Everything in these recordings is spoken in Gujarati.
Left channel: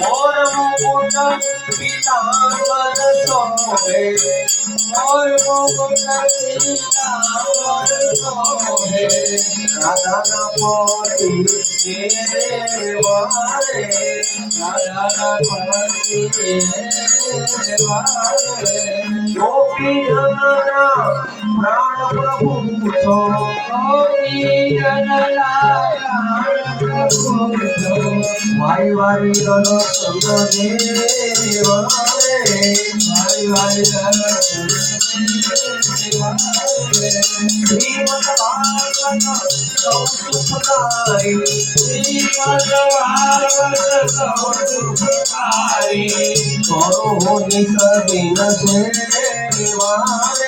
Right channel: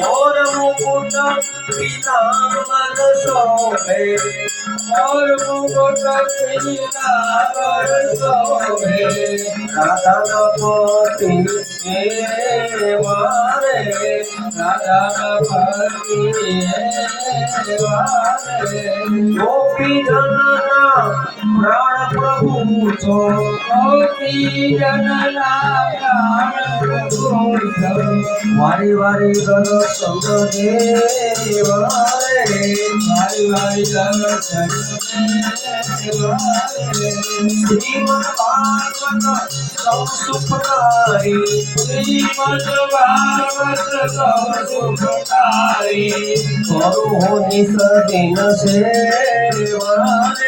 મોર મુકુટ પીતાંબર સોહે મોર મુકુટ પીતાંબર સોહે રાધા પોતી વારે રાધા પતિ વારે ગોપી જનના પ્રાણ પ્રભુ છો ગોપી જનના પ્રાણ પ્રભુ છો. વારી વારી ગણ સંગ દેવારે મારી વારી ધન ચંદ્ર દેવારે. હે પિતૃ તારો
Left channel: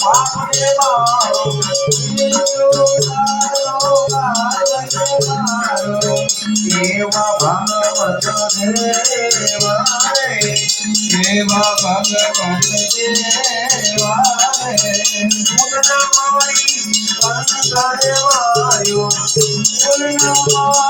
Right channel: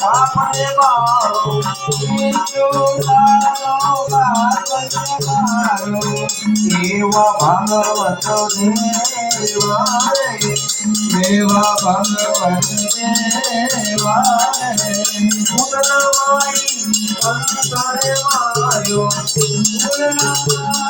પાપ ને બાળો બીજો તારો ભાગવત મારો. એવા ભાગવત દેવા ભગવત દેવારે. ગુણમાઈ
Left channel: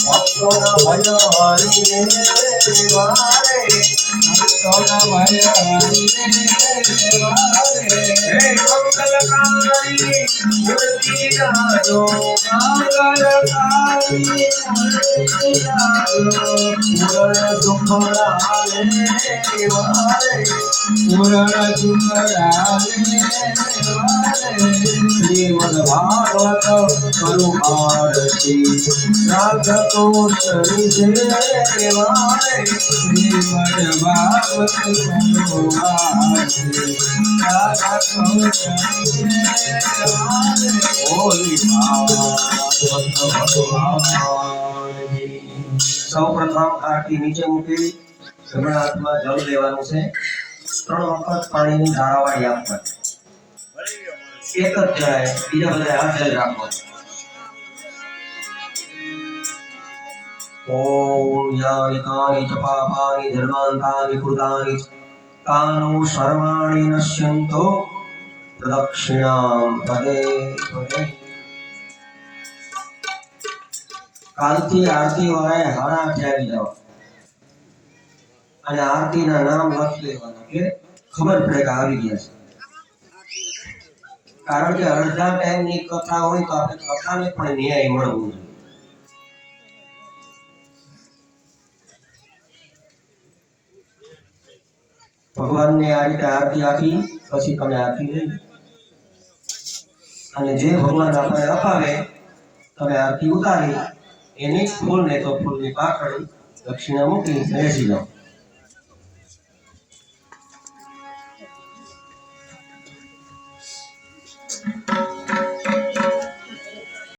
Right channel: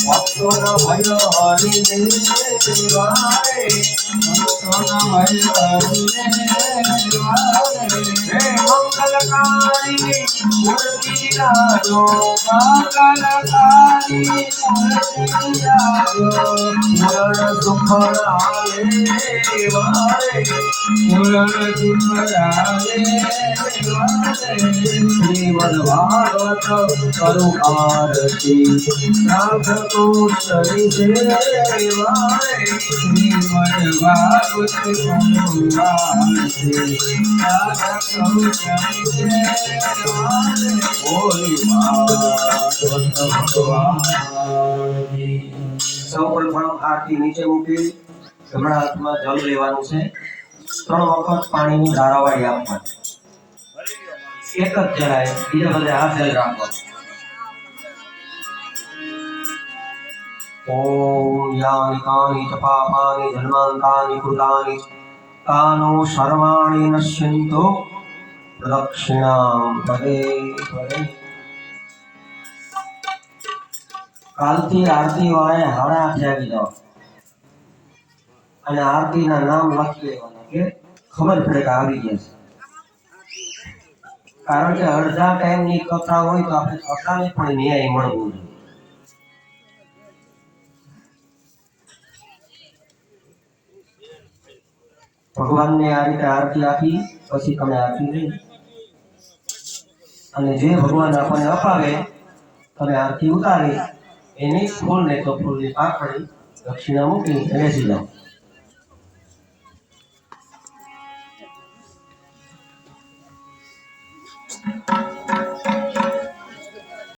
ભક્તોના ભય હરિને વારે ભક્તોના ભય દેવારે. હોલી ભાગવત ભગવાનની સૌપ્રથમ આરતી નીચે મૂકી જમણા હાથમાં જલ લેવાનું છે. ત્રણ વખત પાણીની ધારાવાળી આપવાની એક જ જણાય બીજા બધે હાથ જલ રાખવાનો ઓમ यानि कानि च पापानि धर्मान्तानि कृतानि तानो सर्वाणि સર્વાણી प्रदक्षिणां पदे पदे। કાલથી આરતી વાળાએ હાડા આઠે આવી જાઓ અને આરતીના નામ લખી લેવાના કે ખબર પડે કે આવી ગયા છે. કારણ કે અડધા ટાઈમની કથા હોય તો આપણે કથાને પણ ન્યાય મળવું જોઈએ. ભગવાનને આ રીતે આરતી આપી, પછી તમે આરતી લઈ અને જે ભગવાન આપણને અપાવે, તમે આરતી ઉતારી, એની ફૂલ ને તો ફૂલની પાખડી દક્ષિણા મૂકી અને જાઓ